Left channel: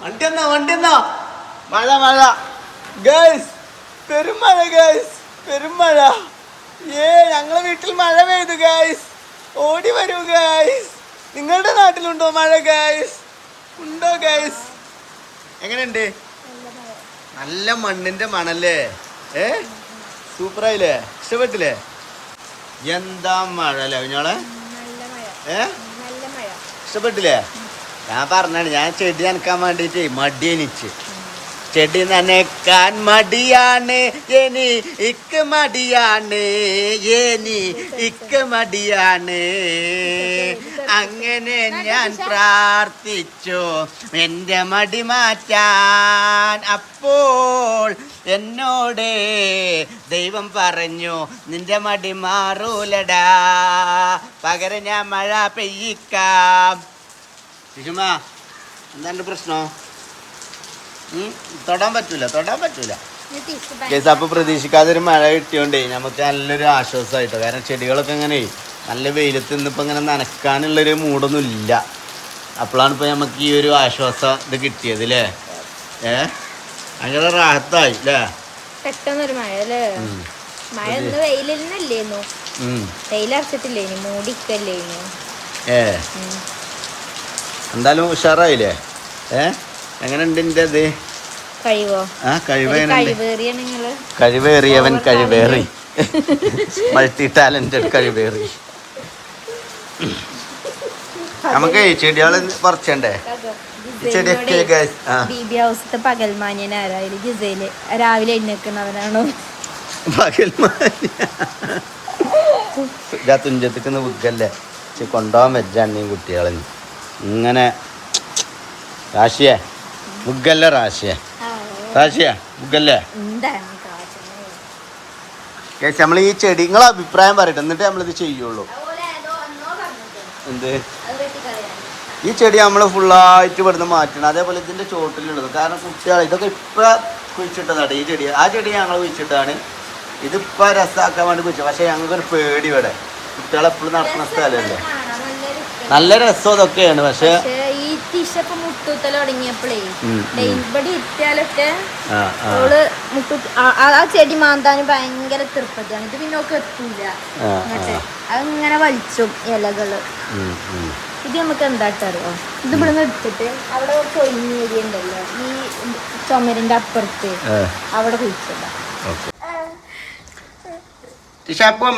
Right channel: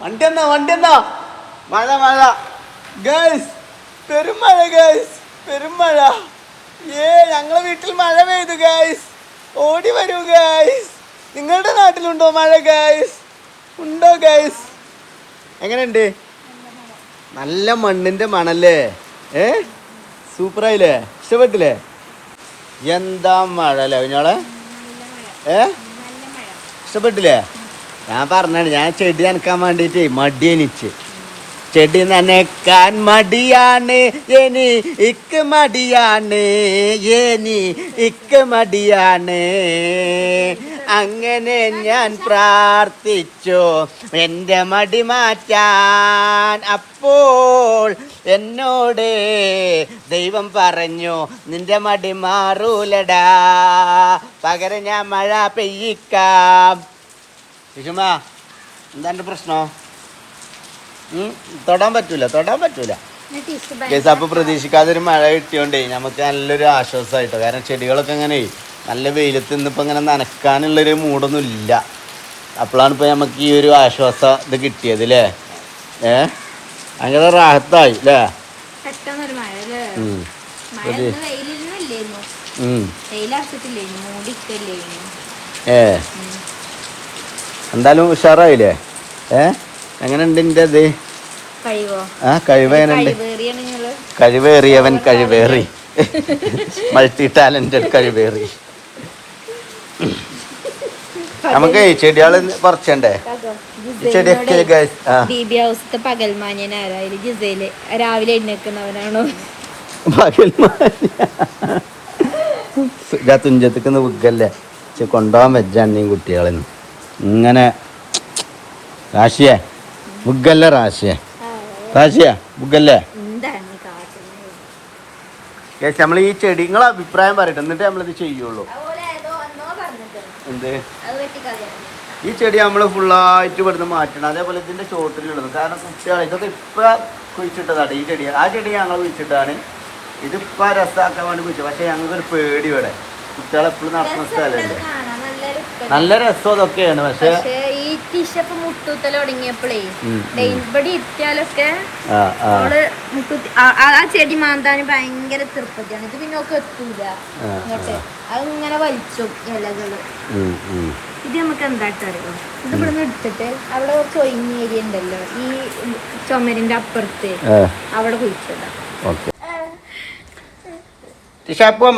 വണ്ടി എന്നാ വണ്ടി എന്നാ മഴ മഴ. ഗേൾസ് പെരുമഴ ഗേൾസ് പെരുമഴ. ഏ ഞങ്ങളെ വീട്ടിൽ മഴ പെയ്തു ഗൈസ്. ഓടി വരൂ ഗൈസ്. നിങ്ങളുടെ നാട്ടിലുണ്ടോ മഴ ഗൈസ്? ഉണ്ടോ ഗൈസ്? എങ്ങനെയുണ്ട്? നല്ല മണ്ണിന്റെ മണല്ലേ? ഏ? സൂപ്പറായില്ലേ? ഇഷ്ടപ്പെട്ടില്ലേ? എന്താ മഴ അല്ലേ അവനോളെ ഏ? ഇഷ്ടപ്പെട്ടില്ലേ? ഞാൻ പറഞ്ഞാണ് ഞാൻ ചെടി അനക്കാൻ വേണ്ടിയിട്ട് മടി എനിച്ച്. ചെടി നനക്കാൻ മടിയാണ് എനി ഇക്ക് മടിയാണ് എനി ഇക്ക് മടിയാണ്. അങ്ങനെ ഞാൻ പ്രാർത്ഥിച്ചു എന്റെ മടി മാറ്റാൻ. അപ്പോൾ എന്നോട് ദൈവം പറഞ്ഞു നിന്റെ മടി മാറൂലടാ പകരം ഞാൻ മഴ പെയ്യിക്കാം. ശിശുമാ എന്താണ് പ്രശ്നം? തൊടാൻ പറ്റൂല തൊടാൻ പറ്റൂല. കേസ് അപ്പൊ പ്രതീക്ഷിക്കാതെ ഒരു മഴ കിട്ടിയോണ്ടേ നമുക്ക് നല്ലൊരു ആശ്വാസമായിട്ടോ കാരണം ചെടികളൊക്കെ ഇങ്ങനെ നല്ല വെയിലത്ത് നിന്നിപ്പോ ഇങ്ങനെ നനക്കാനുള്ളൊരു മൂടൊന്നും ഇല്ല അപ്പോഴാണ് ഇപ്പൊ നമുക്ക് ഈ ഒരു ആശ്വാസം ഇത് കിട്ടിയത് അല്ലേ ഏ? അങ്ങനെ റാഹത്തായി അല്ലേ പെട്ടെന്നൊരു മഴ അല്ലേ. മഴ ഉം. വെയിലറച്ചിട്ടില്ലേനു മൂടിക്കല്ലേനു ഏ? എന്തായാലും ഉഷാറായില്ലേ? ഏ? എങ്ങനെയുണ്ട് എന്റെ ഇത്? ആ കഴിവേനുണ്ട് കഴിവേറിയവൻ കഴിവേറി. Multi talented കഴിവേറി. നമുക്ക് ഈ ചെടികൾ പറിച്ചണ്ടേ? ചെടിയൊക്കെ ബീബി ജിസയിൽ രാവിലെ എഴുന്നേക്കുന്നവനാണോ? പകൽ തുഞ്ചത്തേക്ക് ഉഗ്ഗല്ലേ പക്ഷെ കൊണ്ടുപോകാൻ വെച്ചാണ് ഈ കുട്ടികളെ ഇങ്ങനെ റാശിയെ ബുഗല്ലേ റാശിയെ റാശിയെ ബുഗല്ലേ ചേച്ചി നമ്മൾ ഈ ചെടി നിങ്ങളെ അഭിപ്രായം പറയട്ടെ എന്നിട്ട് നമ്മളിത് ചെയ്യുള്ളൂ. എന്ത്? ഈ ചെടി നമ്മൾ ഫുള്ളായിട്ട് ഇവിടുന്ന് മാറ്റണം. അതേപോലെ ഇതിന്റെ ചോട്ടിലുള്ളത്. കാരണം കുട്ടികൾ ഇതൊക്കെ ഇപ്പൊ കുഴിച്ചിട്ടതാണ് ഈ ചെടി. ആ ചെടി ഞങ്ങൾ കുഴിച്ചിട്ടാണ് ഇതിപ്പോ രസമാക്കാൻ വേണ്ടി കുഴിച്ചത്. പക്ഷെ ഞങ്ങൾക്കൊരു പേടി ഇവിടെ. കുട്ടികളെപ്പോഴും നടക്കുന്ന സ്ഥലമല്ലേ നല്ല രസം അതൊക്കെയാണ്. പക്ഷെ ഈ ടീഷപ്പ് മുട്ടൂത്തൽ തുടങ്ങിയപ്പോഴേ ഉം, ദേ ഇവിടെ ഇട്ടാലൊക്കെ ആ അവൾ ചെടി മാന്താന് ഭയങ്കര തൃപ്പതിയാണ്. ഇത് പിന്നെ ഒക്കെ എത്തൂല. എന്നിട്ട് അതിങ്ങനെ വലിച്ചും ഇലകൾ. ഇത് നമുക്ക് എന്താട്ടറിയോ ഇത് ഇവിടെ എടുത്തിട്ട് അവിടെ ഏരിയ ഉണ്ടല്ലോ. ഈ ചുമരിന്റെ അപ്പുറത്ത് അവിടെ കുഴിച്ചിടാം.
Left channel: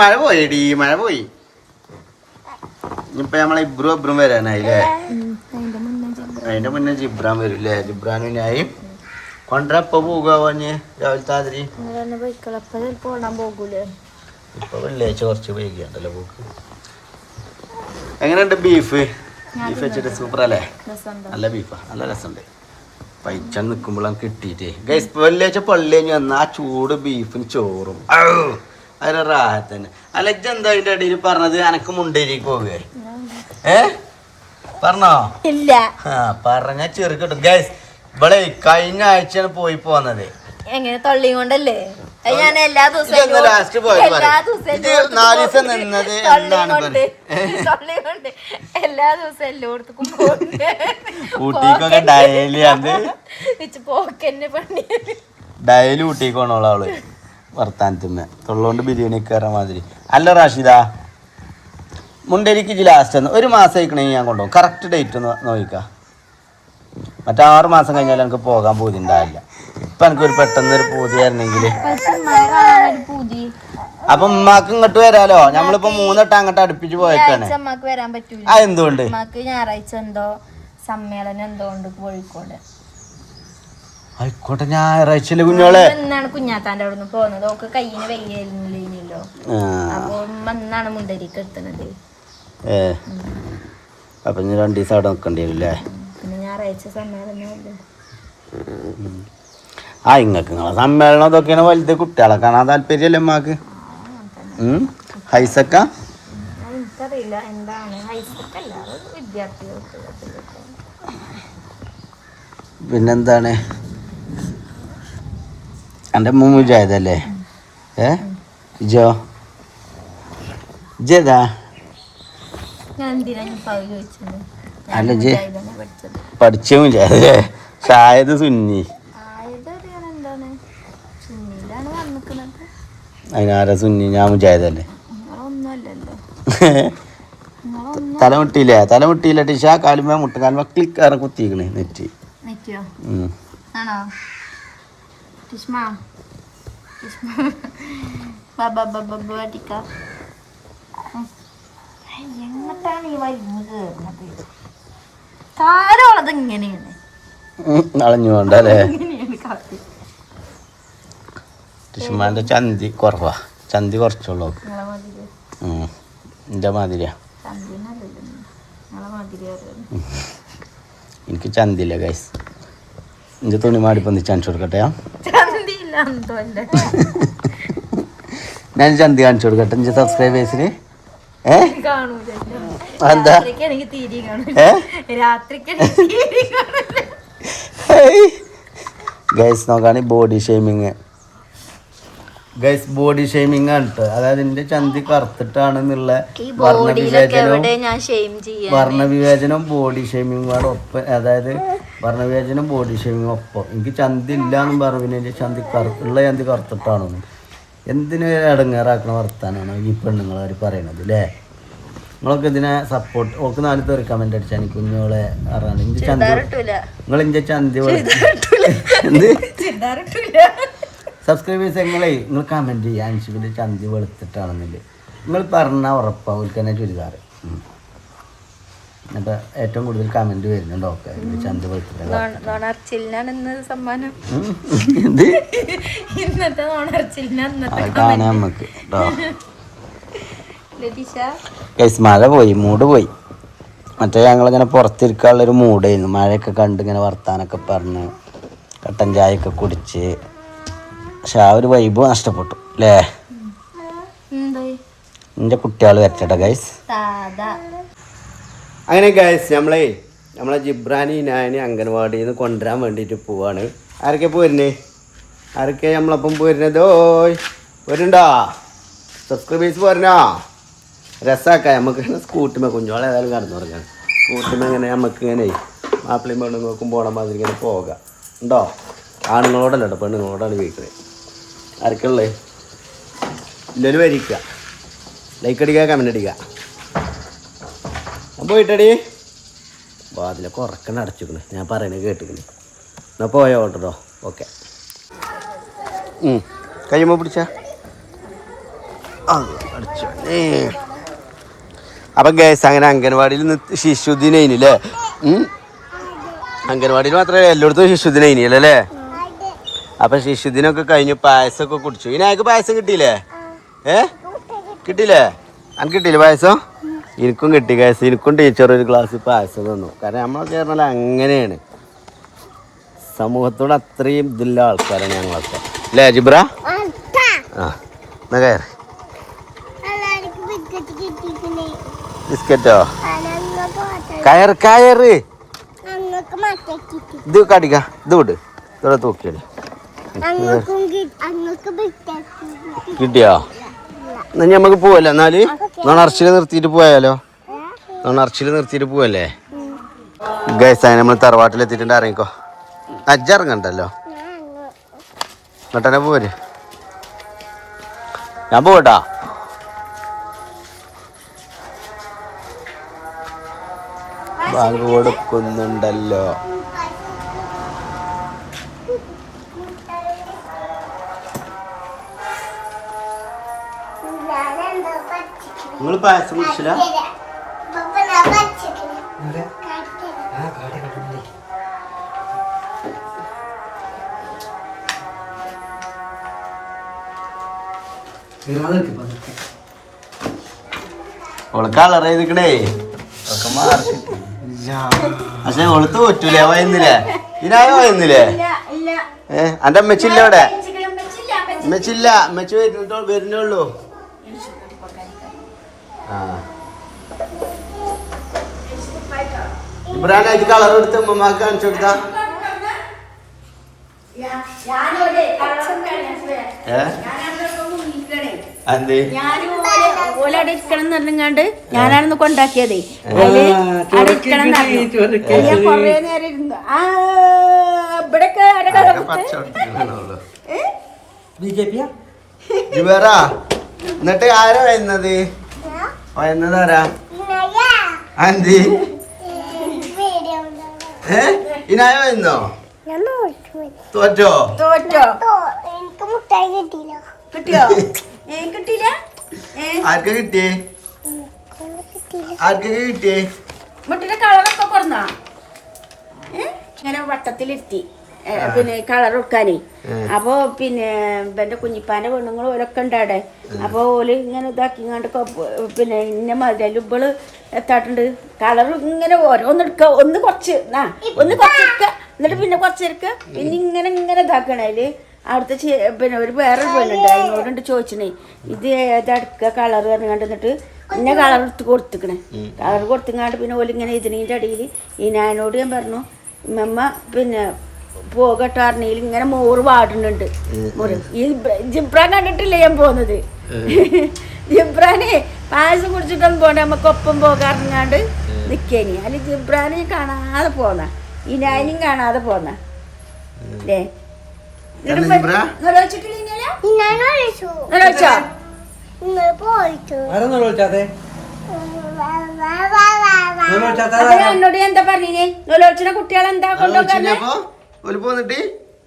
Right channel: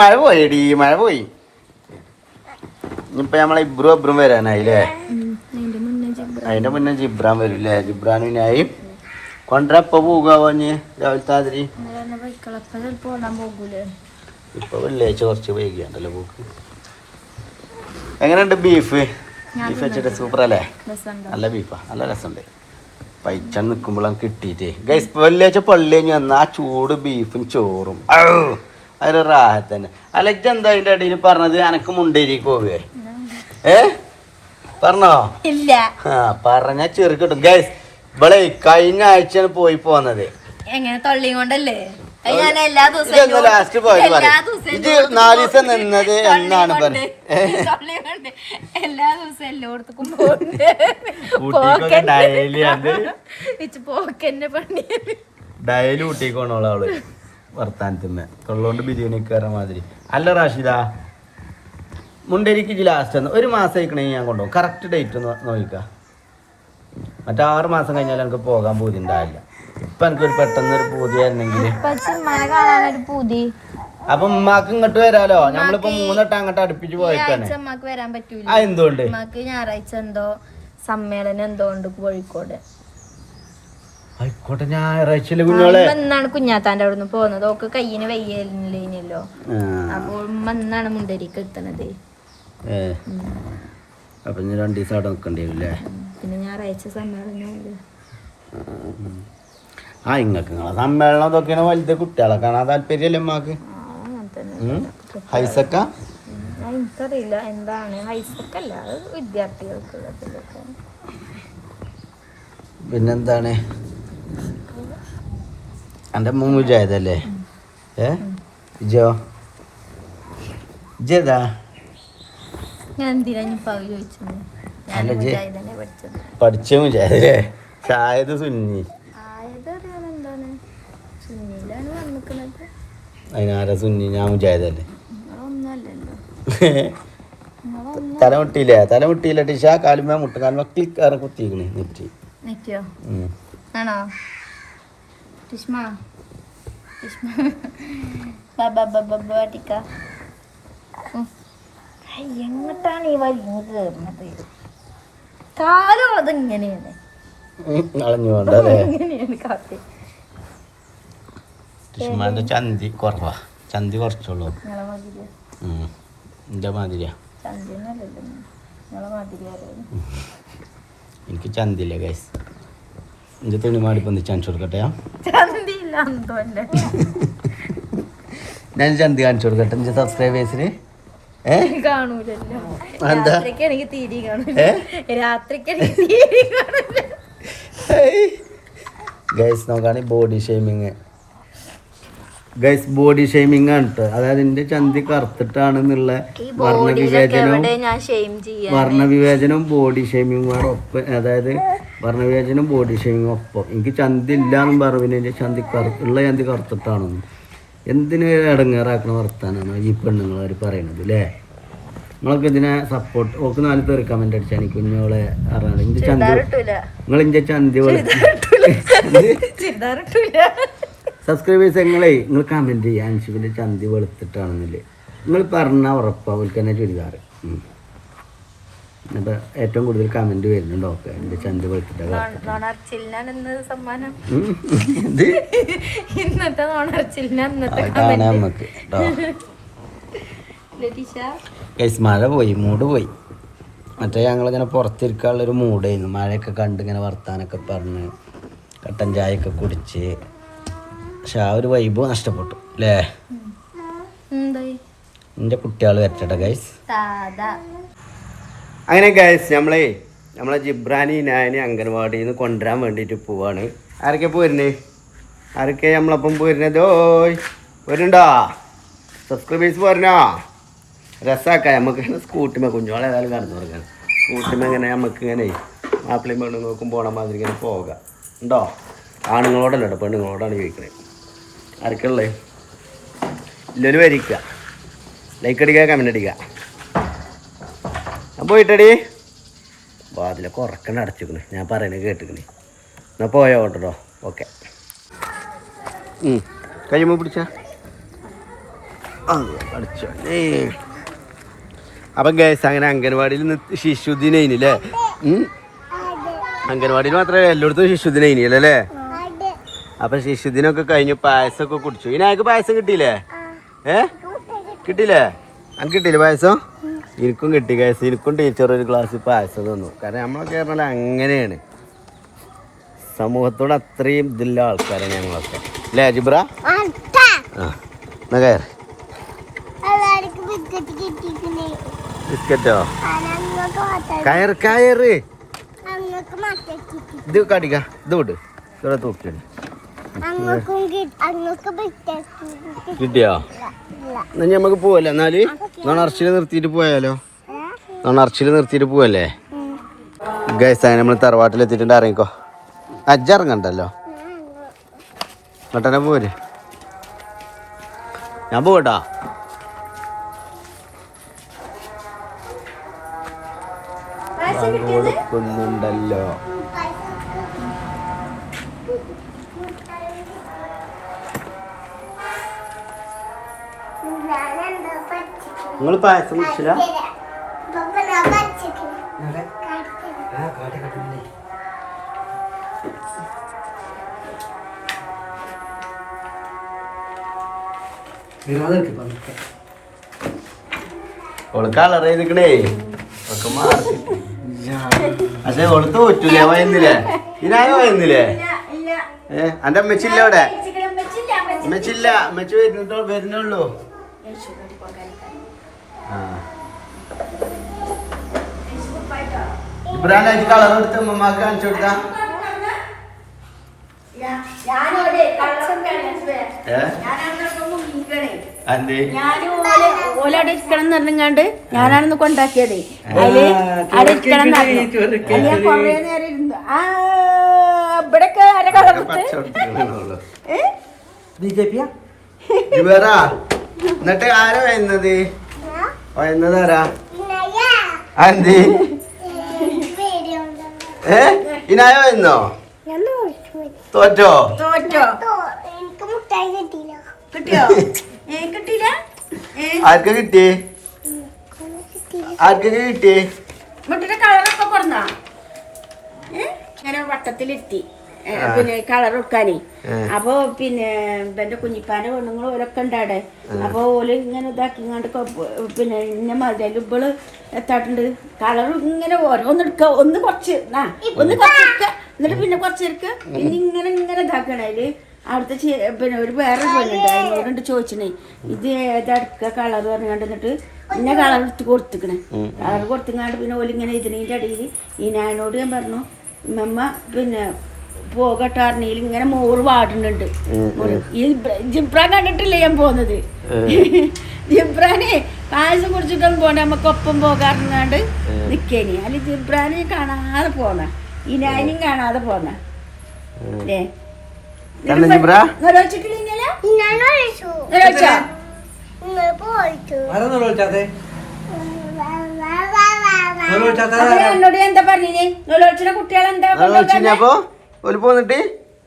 മഴ പോയി മഴ പോയി? ഇനിയിപ്പോ നമ്മളെ ഇബ്രു അബ്രും വരാനായില്ലേ? അതിന്റെ മുന്നേ ജിബ്ര. അതിന്റെ മുന്നേ ജിബ്രാൻ വരില്ലേ? ജിബ്രാനുനായി കൊണ്ടപ്പോ പോകുക പറഞ്ഞ് രാവിലത്തെ പോകൂലേ? ഇപ്പൊ വെള്ളിയാഴ്ച കുറച്ച് വൈകിയാണ്ടല്ലോ പോക്ക്. എങ്ങനെയുണ്ട് ബീഫ് ബീഫ് വെച്ചിട്ട് സൂപ്പർ അല്ലേ നല്ല ബീഫാ നല്ല രസമുണ്ട്. പൈച്ച നിൽക്കുമ്പോഴാണ് കിട്ടിയിട്ടേ ഗൈസ് വെള്ളിയാഴ്ച പള്ളി കഴിഞ്ഞ് വന്ന ആ ചൂട് ബീഫും ചോറും. അതിന് റാഹത്ത് തന്നെ. അല്ല ഇജ്ജ് എന്താ അതിന്റെ ഇടയിൽ പറഞ്ഞത്? എനക്ക് മുണ്ടേരിക്ക് പോവുകയെ ഏ? പറഞ്ഞോ? ഇല്ല. ആ പറഞ്ഞ ചെറു കിട്ടും. ഗൈസ് ഇവളെ കഴിഞ്ഞ ആഴ്ചയാണ് പോയി പോന്നത്. എങ്ങനെ? തൊള്ളിയും കൊണ്ടല്ലേ? ഞാൻ എല്ലാ ദിവസവും ലാസ്റ്റ് പോയത് എല്ലാ പറയും. ദിവസവും ഇത് നാല് ദിവസം നിന്നത് തൊള്ളിയും എന്നാണ് കൊണ്ട്, പറയുന്നത് തൊള്ളിയും എല്ലാ ദിവസവും എല്ലായിടത്തും പോകുന്നുണ്ട്. ഊട്ടിക്കൊക്കെ ഡയലി അത്? പോക്കന്നെ പണി. ഡയലി വർത്താനത്തിന്ന്. തൊള്ളോണ്ട് ബിരിയാണി കയറാൻ മാതിരി. അല്ല റാഷിദ. മുണ്ടേരിക്ക് ഇജ് ലാസ്റ്റ് ഒന്ന് ഒരു മാസം ആയിക്കണമെങ്കിൽ ഞാൻ കൊണ്ടുപോകും. കറക്റ്റ് ഡേറ്റ് ഒന്ന് നോക്കിക്കാം. മറ്റേ ആറ് മാസം കഴിഞ്ഞാൽ എനിക്ക് പോകാൻ പൂതി ഉണ്ടാവില്ല ഇപ്പൊ എനിക്കൊരു പെട്ടെന്ന് ഒരു പൂതി പൂതി അപ്പൊ ഉമ്മാക്ക് ഇങ്ങോട്ട് വരാലോ? നമ്മളിപ്പോ മൂന്നെട്ട് അങ്ങോട്ട് അടുപ്പിച്ച് പോയേക്കാണ്. അമ്മയ്ക്ക് വരാൻ പറ്റൂല. ആ എന്തുകൊണ്ട്? അമ്മയ്ക്ക് ഞായറാഴ്ച എന്തോ സമ്മേളനം എന്തോ ഉണ്ട് കോഴിക്കോട്. ആയിക്കോട്ടെ ഞായറാഴ്ച കുഞ്ഞോളെ എന്നാണ് കുഞ്ഞാത്താന്റെ അവിടെ നിന്ന് പോകുന്നത്. ഓക്ക് കയ്യിന് വയ്യല്ലോ അപ്പൊ അപ്പോൾ ഉമ്മ എന്നാണ് മുണ്ടരിക്ക് എത്തണത്. ഏ. അപ്പൊ ഇനി രണ്ടു ദിവസം അവിടെ നിൽക്കേണ്ടി വരും അല്ലേ പിന്നെ ഞായറാഴ്ച സമ്മേളനമല്ലേ? ആ ഇങ്ങക്ക് നിങ്ങളെ സമ്മേളനം ഇതൊക്കെയാണ് വലുത്. കുട്ടികളെ കാണാൻ താല്പര്യമല്ലേ അമ്മയ്ക്ക്? ഹൈസക്ക? എനിക്കറിയില്ല. എന്താണ്? വിദ്യാർത്ഥികൾക്കുള്ളതിലൊക്കെ. പിന്നെന്താണ്? എന്റെ മുജാഹിദല്ലേ? ഏ? ജോ? ഇജേതാ ഞാൻ എന്തിനാ പകുതി ചോദിച്ചത്? അല്ല, ജെ- പഠിച്ച ഷായത് സുന്നി. അതിനാരാ സുന്നി? ഞാൻ മുജാഹിദല്ലേ? തല മുട്ടിയില്ലേ തല മുട്ടിയില്ല ടിഷ കാലുമ മുട്ട കാലുമ ക്ലിക്ക് ആണ് കുത്തിക്കണേ നെറ്റ്. ബാബാ ടിഷ്മ? ടിഷ്മ. ബാബാ ബാബാ ബാട്ടിക്ക എങ്ങോട്ടാണ് ഈ കയറുന്നത് ഇങ്ങനെയാണ് അളഞ്ഞു ഇങ്ങനെയാണ് കാത്തി ചന്തി കുറവാ. ചന്തി കുറച്ചുള്ളൂ. എന്റെ മാതിരിയാ. എനിക്ക് ചന്തില്ല ഗൈസ് എന്റെ തുണി മാടി ചാൻസ് കൊടുക്കട്ടെ ഞാൻ ചന്തി കാണിച്ചു കൊടുക്കട്ടെ എന്റെ സബ്സ്ക്രൈബേഴ്സിന് ഗൈസ് നോക്കാണ് body shaming. Guys body shaming ആണ്. അതായത് എന്റെ ചന്തി കറുത്തിട്ടാണെന്നുള്ള വർണവിവേചനവും എവിടെ ഞാൻ ഷെയിം ചെയ്യാൻ വർണവിവേചനവും ബോഡി ഷേമിങ്ങും കൂടെ ഒപ്പം. അതായത് വർണവിവേചനം ബോഡി ഷേമിങ്ങും ഒപ്പം. എനിക്ക് ചന്തി ഇല്ലാന്നും പറഞ്ഞു എന്റെ ചന്തി കറു ഉള്ള ചന്തി കറുത്തിട്ടാണെന്ന്. എന്തിനു ഇടങ്ങേറാക്കണ വർത്താനാണ് ഈ പെണ്ണുങ്ങൾ അവർ പറയണത് അല്ലേ നിങ്ങളൊക്കെ ഇതിനെ സപ്പോർട്ട് ഓക്ക് നാല് പേര് കമന്റ് അടിച്ചാൽ എനിക്ക് കുഞ്ഞോളെ അറിയാം ഇന്റെ ചന്തി നിങ്ങൾ ഇന്റെ ചന്തി സബ്സ്ക്രൈബേഴ്സ് നിങ്ങളെ നിങ്ങൾ കമന്റ് ചെയ്യാൻ ചന്തി വെളുത്തിട്ടാണെന്നില്ലേ. നിങ്ങൾ പറഞ്ഞ ഉറപ്പാണ് ഓൽക്ക് തന്നെ ചുരിദാർ അപ്പൊ ഏറ്റവും കൂടുതൽ കമന്റ് വരുന്നുണ്ട്? ഓക്കെ എന്റെ ചന്ത നോണർച്ചിലിനാണ് സമ്മാനം. ഇന്നത്തെ കാണാം നമുക്ക് മഴ പോയി മൂട് പോയി. മറ്റേ ഞങ്ങളിങ്ങനെ പുറത്തിരിക്കാനുള്ളൊരു മൂടായിരുന്നു മഴയൊക്കെ കണ്ട് ഇങ്ങനെ വർത്താനൊക്കെ പറഞ്ഞ് കട്ടൻ ചായയൊക്കെ കുടിച്ച്. പക്ഷെ ആ ഒരു വൈബ് നഷ്ടപ്പെട്ടു അല്ലേ? എന്റെ കുട്ടികൾ വരട്ടെ ഗൈസ് അങ്ങനെ ഗൈസ് നമ്മളെ നമ്മളെ ജിബ്രാനി നായനെ അംഗൻവാടിയിൽ നിന്ന് കൊണ്ടുവരാൻ വേണ്ടിയിട്ട് പോവാണ്. ആരൊക്കെ പോരുന്നേ? ആരൊക്കെ നമ്മളപ്പം പോരുന്നതോ പോരുണ്ടോ സബ്സ്ക്രൈബേഴ്സ് പോരണോ രസാക്ക നമുക്ക് സ്കൂട്ടിമേ കുഞ്ഞോളെ ഏതായാലും കടന്നു തുടങ്ങാൻ സ്കൂട്ടിമേ ഇങ്ങനെ നമുക്ക് ഇങ്ങനെ മാപ്പിളയും പെണ്ണും നോക്കും പോണ മാതിരി ഇങ്ങനെ പോകാം. ഉണ്ടോ? ആണുങ്ങളോടല്ല കേട്ടോ പെണ്ണുങ്ങളോടാണ് ചോദിക്കുന്നത് ആർക്കുള്ളത് ഇല്ലൊരു വരിക്കുക ലൈക്ക് അടിക്കുക കമന്റ് അടിക്കുക. പോയിട്ടടി. വാതിലൊക്കെ ഉറക്കണ അടച്ചിക്കണ് ഞാൻ പറയണത് കേട്ടിക്കണ് എന്നാ പോയോ കേട്ടോ ഓക്കെ. കഴിയുമ്പോൾ പിടിച്ച? അടിച്ചു. അപ്പം ഗ്യാസ് അങ്ങനെ അംഗൻവാടിയിൽ നിന്ന് ശിശുദിനയില്ലേ അംഗൻവാടിയിൽ മാത്രമേ എല്ലായിടത്തും ശിശുദിനയിനിയല്ലേ അല്ലേ? അപ്പം ശിശുദിനൊക്കെ കഴിഞ്ഞ് പായസമൊക്കെ കുടിച്ചു. ഇനി അയാൾക്ക് പായസം കിട്ടിയില്ലേ? ഏ? കിട്ടിയില്ലേ? അനക്ക് കിട്ടിയില്ലേ പായസം? എനിക്കും കിട്ടി കേസ് എനിക്കും ടീച്ചർ ഒരു ഗ്ലാസ് പായസം തന്നു. കാരണം നമ്മളൊക്കെ പറഞ്ഞാൽ അങ്ങനെയാണ്. സമൂഹത്തോട് അത്രയും ഇതില്ല ആൾക്കാരാണ് ഞങ്ങളൊക്കെ. അല്ലേ ജിബ്ര ആ എന്നാ കയറി. ബിസ്ക്കറ്റോ കയറ് കയറ്. ഇത് കടിക്ക. ഇത് വിട്. ഇവിടെ തൂക്കിയാണ് കിട്ടിയോ? എന്നാ നമുക്ക് പോവല്ലേ എന്നാൽ? നണർച്ചിൽ നിർത്തിയിട്ട് പോയാലോ? നണർച്ചിൽ നിർത്തിയിട്ട് പോവല്ലേ? ഗൈസ് അങ്ങനെ നമ്മൾ തറവാട്ടിൽ എത്തിയിട്ടുണ്ട്. ഇറങ്ങിക്കോ അജ്ജ ഇറങ്ങണ്ടല്ലോ? ഇങ്ങോട്ടെ പോര്. ഞാൻ പോകട്ടാ ബാങ്ക് കൊടുക്കുന്നുണ്ടല്ലോ. നിങ്ങൾ പായസം കുടിച്ചില്ല? ഓൾ കളർ ചെയ്തിക്കണേ. ഒക്കെ മാർക്ക് പക്ഷെ ഓൾ തോറ്റൂലേ? വയന്നില്ലേ? ഇതിനാകെ വയന്നില്ലേ? ഏ അന്റെ അമ്മച്ചില്ല അവിടെ? അമ്മച്ചില്ല അമ്മച്ചി വരുന്നിട്ടോ വരുന്നുള്ളൂ. ഇബ്രാഹിം കളർ എടുത്ത് ഉമ്മമാക്ക് കാണിച്ചു കൊടുത്താ? ഏ? അന്തേ ഞാനും ഓൽ ഓലവിടെ ഇരിക്കണം എന്ന് പറഞ്ഞാണ്ട് ഞാനാണെന്ന് കൊണ്ടാക്കിയതേ. അതിൽ അവിടെ ഇരിക്കണം കുറേ നേരം ഇരുന്നു. ആ ബി ജെ പിയാ എന്നിട്ട് ആരാ വരുന്നത്? വരുന്നത് ആരാ? ആന്തി ഏ? ഇനായ വരുന്നോ തോറ്റോ. ആർക്കാ കിട്ടിയേ? ആർക്കൊക്കെ കിട്ടിയേ? മുട്ടിന്റെ കളറൊക്കെ പറഞ്ഞോ ഇങ്ങനെ ആ. പിന്നെ കളർ വെക്കാനേ ആ. അപ്പൊ പിന്നെ എന്റെ കുഞ്ഞിപ്പാന്റെ പെണ്ണുങ്ങളും ഓരൊക്കെ ഉണ്ടാടെ. അപ്പൊ ഓൽ ഇങ്ങനെ ഇതാക്കിങ്ങാണ്ട് കണ്ട് പിന്നെ ഇന്ന മതിലും ഇവൾ എത്താട്ടുണ്ട് കളർ ഇങ്ങനെ ഓരോന്ന് എടുക്ക. ഒന്ന് കുറച്ച് ആ ഒന്ന് കുറച്ചെടുക്ക എന്നിട്ട് പിന്നെ കുറച്ചെടുക്ക പിന്നെ ഇങ്ങനെ ഇങ്ങനെ ഇതാക്കണ അതിൽ. അവിടുത്തെ പിന്നെ ഒരു വേറൊരു പെണ്ണുണ്ട്. അതിനോടുണ്ട് ചോദിച്ചണേ ഇത് ഏതടുക്ക കളർ പറഞ്ഞുകൊണ്ട് എന്നിട്ട് ഇന്ന കളർ എടുത്ത് കൊടുത്തിക്കണേ. കളർ കൊടുത്തിങ്ങാണ്ട് പിന്നെ ഓലിങ്ങനെ ഇതിനീന്റെ അടിയിൽ ഈ ഞാനോട് ഞാൻ പറഞ്ഞു നമ്മ പിന്നെ പോകട്ടാറിനയിൽ ഇങ്ങനെ മോറ് പാടുന്നുണ്ട് ഈ ബ്ര- ജിബ്രാൻ കണ്ടിട്ടില്ലേ ഞാൻ പോകുന്നത് ജിബ്രാനെ പായസം കുടിച്ചിട്ടൊന്നും പോകണ്ട നമുക്കൊപ്പം പോകാറുണ്ട് പോകാറുങ്ങാണ്ട് നിക്കേനി. അല്ല ജിബ്രാനെ കാണാതെ പോന്ന. ഈ നാനും കാണാതെ പോന്ന. അല്ലേ ഇന്ന് എന്നോട് എന്താ പറഞ്ഞേ നിലോച്ചന കുട്ടികളെന്താ ഒരു പോന്നിട്ട്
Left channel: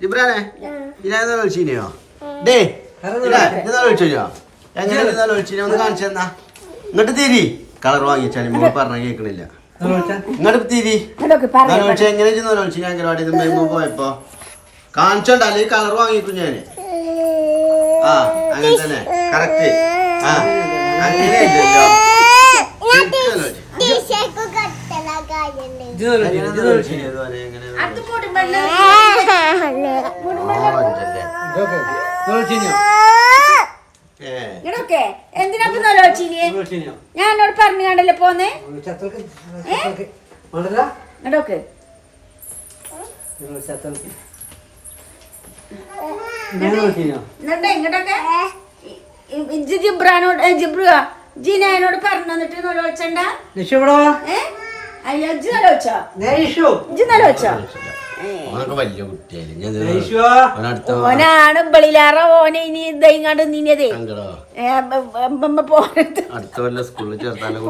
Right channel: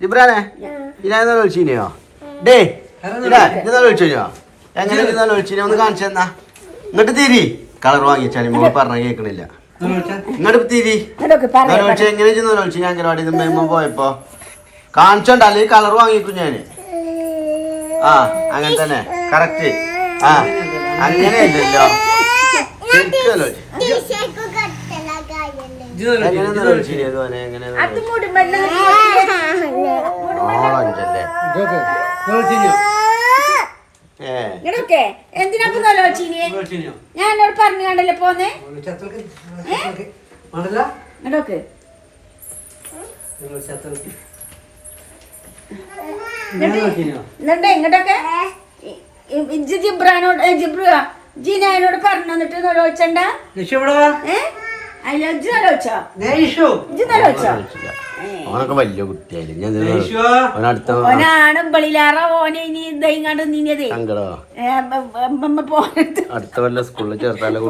ജിബ്രാനെ ഇനായ വിളിച്ചിനെയോ? ഡേ ഇനാ ഇന്നാ വിളിച്ചോ എങ്ങനെ ഇന്നാ വിളിച്ചിനെ? ഒന്ന് കാണിച്ചു തന്നാ. ഇങ്ങോട്ട് തിരി. കളർ വാങ്ങിച്ചാൽ മോൾ പറഞ്ഞ കേൾക്കണില്ല ഇങ്ങോട്ട് തിരി. വിളിച്ച എങ്ങനെ ഇന്നാ വിളിച്ചു ഞാൻ അംഗനവാടി നിന്ന് പോയപ്പോ. കാണിച്ചോണ്ട അല്ലെങ്കിൽ കളർ വാങ്ങിക്കും ഞാൻ. ആ അങ്ങനെ തന്നെ. കറക്റ്റ്. ആ അങ്ങനെ ഇല്ലല്ലോ. ശരിക്കും ഇങ്ങനൊക്കെ. ഞാൻ എന്നോട് പറഞ്ഞു കണ്ടല്ലേ പോന്നേ? ഇങ്ങോട്ടൊക്കെ ഇങ്ങോട്ടൊക്കെ ജിബ്രാനോട് ജിബ്രുവാ ജിബ്രുവാ എന്നോട് പറഞ്ഞു വന്നിട്ട് നിലോച്ചണ്ട നിഷു ഇവിടെ ഓനൊക്കെ വലിയ കുട്ടിയായില്ലേ? ഞാൻ നിഷു ഓനടുത്ത ഓനാണ് ബളിലാറ ഓനെ ഇനി ഇതങ്ങാണ്ട് നിന്നതേ അടുത്ത വല്ല സ്കൂളിൽ ചേർത്താലോ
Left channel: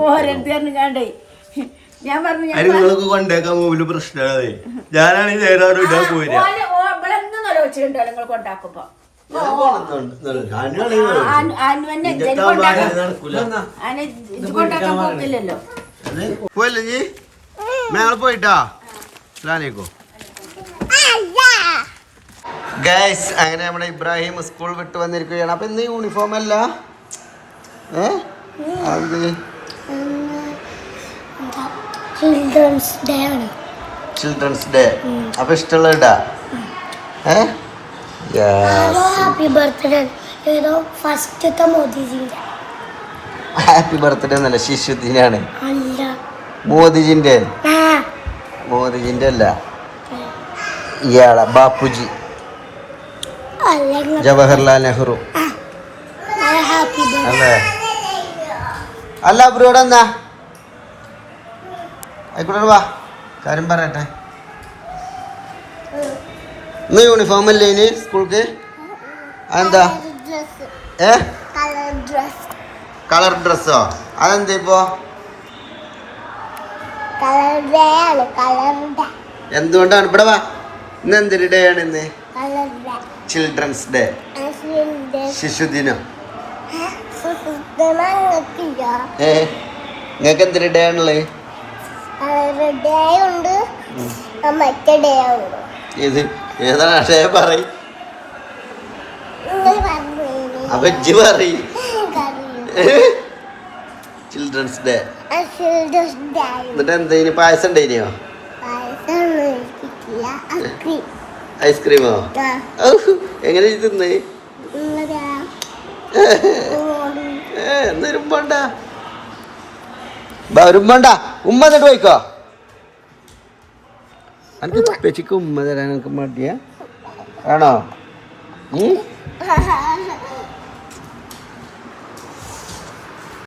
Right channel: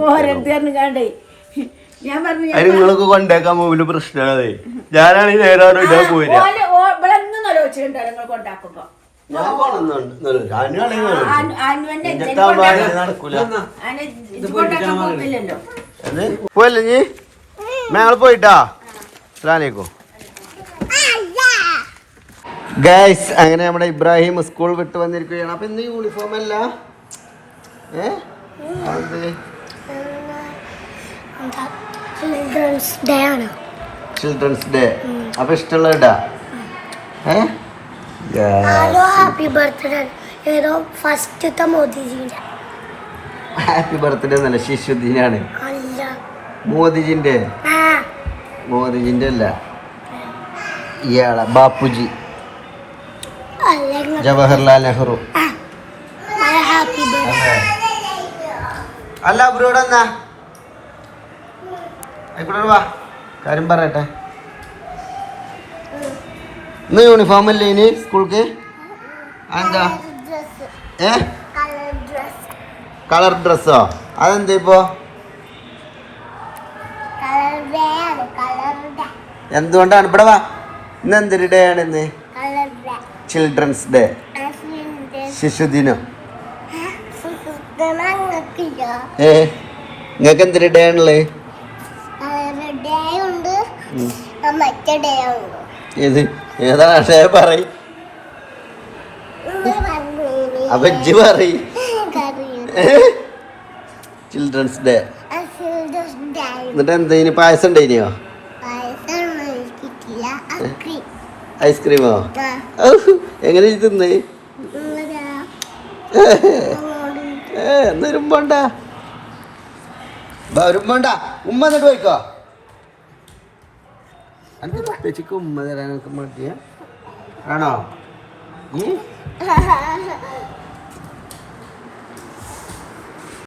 ഞാൻ പറഞ്ഞു നിങ്ങൾക്ക് കൊണ്ടേക്കാൻ പോവില്ല പ്രശ്നമാണ് ഞാനാണ് നേരെ ഓനെ ഓ- ഇവിടെ ഒന്നും ആലോചിച്ചിട്ടുണ്ടോ നിങ്ങൾ കൊണ്ടാക്കുമ്പോ. പോയല്ലേ നീ? ഞങ്ങൾ പോയിട്ടാ? അസ്സലാമലൈക്കും. ഗൈസ് അങ്ങനെ നമ്മുടെ ഇബ്രാഹിം സ്കൂൾ വിട്ട് വന്നിരിക്കുകയാണ്. അപ്പൊ ഇന്ന് യൂണിഫോം അല്ല? ചിൽഡ്രൻസ് ഡേ ആണ്. ചിൽഡ്രൻസ് ഡേ അപ്പൊ ഇഷ്ടമുള്ള ഇടാ. ഏ? ഹലോ ഹാപ്പി ബർത്ത്ഡേ ഏതോ ഫസ്റ്റത്തെ മോദിജിന്റെ. ഹാപ്പി ബർത്ത്ഡേ എന്നല്ല ശിശുദിനാണ്. മോദിജിന്റെ? മോദിജിന്റെ അല്ല. ഇയാളെ ബാപ്പുജി. ജവഹർലാൽ നെഹ്റു. അല്ലേ? അല്ല അവരോട് എന്നാ ആയിക്കോട്ടെ വാ. കാര്യം പറയട്ടെ. ഇന്ന് യൂണിഫോം അല്ലേ ഇനി സ്കൂൾക്ക് എന്താ ഏ? കളർ ഡ്രസ് കളർ ഡ്രസ്സോ അതെന്താ ഇപ്പോ? എന്തുകൊണ്ടാണ്? ഇവിടെ വാ. ഇന്ന് എന്തൊരു ഡേ ആണ് ഇന്ന്? ചിൽഡ്രൻസ് ഡേ ശിശുദിനം. ഏ? നിങ്ങൾക്ക് എന്തൊരു ഡേ ആണുള്ളത് മറ്റേ ഡേ ഉണ്ട് ഏത്? ഏതാ അക്ഷയ പറയും? അപ്പൊ ഇജ്ജ് പറയും. ചിൽഡ്രൻസ് ഡേ എന്നിട്ട് എന്താ ഇനി പായസം അക്രി ഐസ്ക്രീമോ? എങ്ങനെ തിന്നേ? വരുമ്പോണ്ട വരുമ്പോണ്ട ഉമ്മ എന്നിട്ട് പോയിക്കോ. എനിക്ക് ഉമ്മ തരാൻ എനിക്ക് മടിയാ. ആണോ?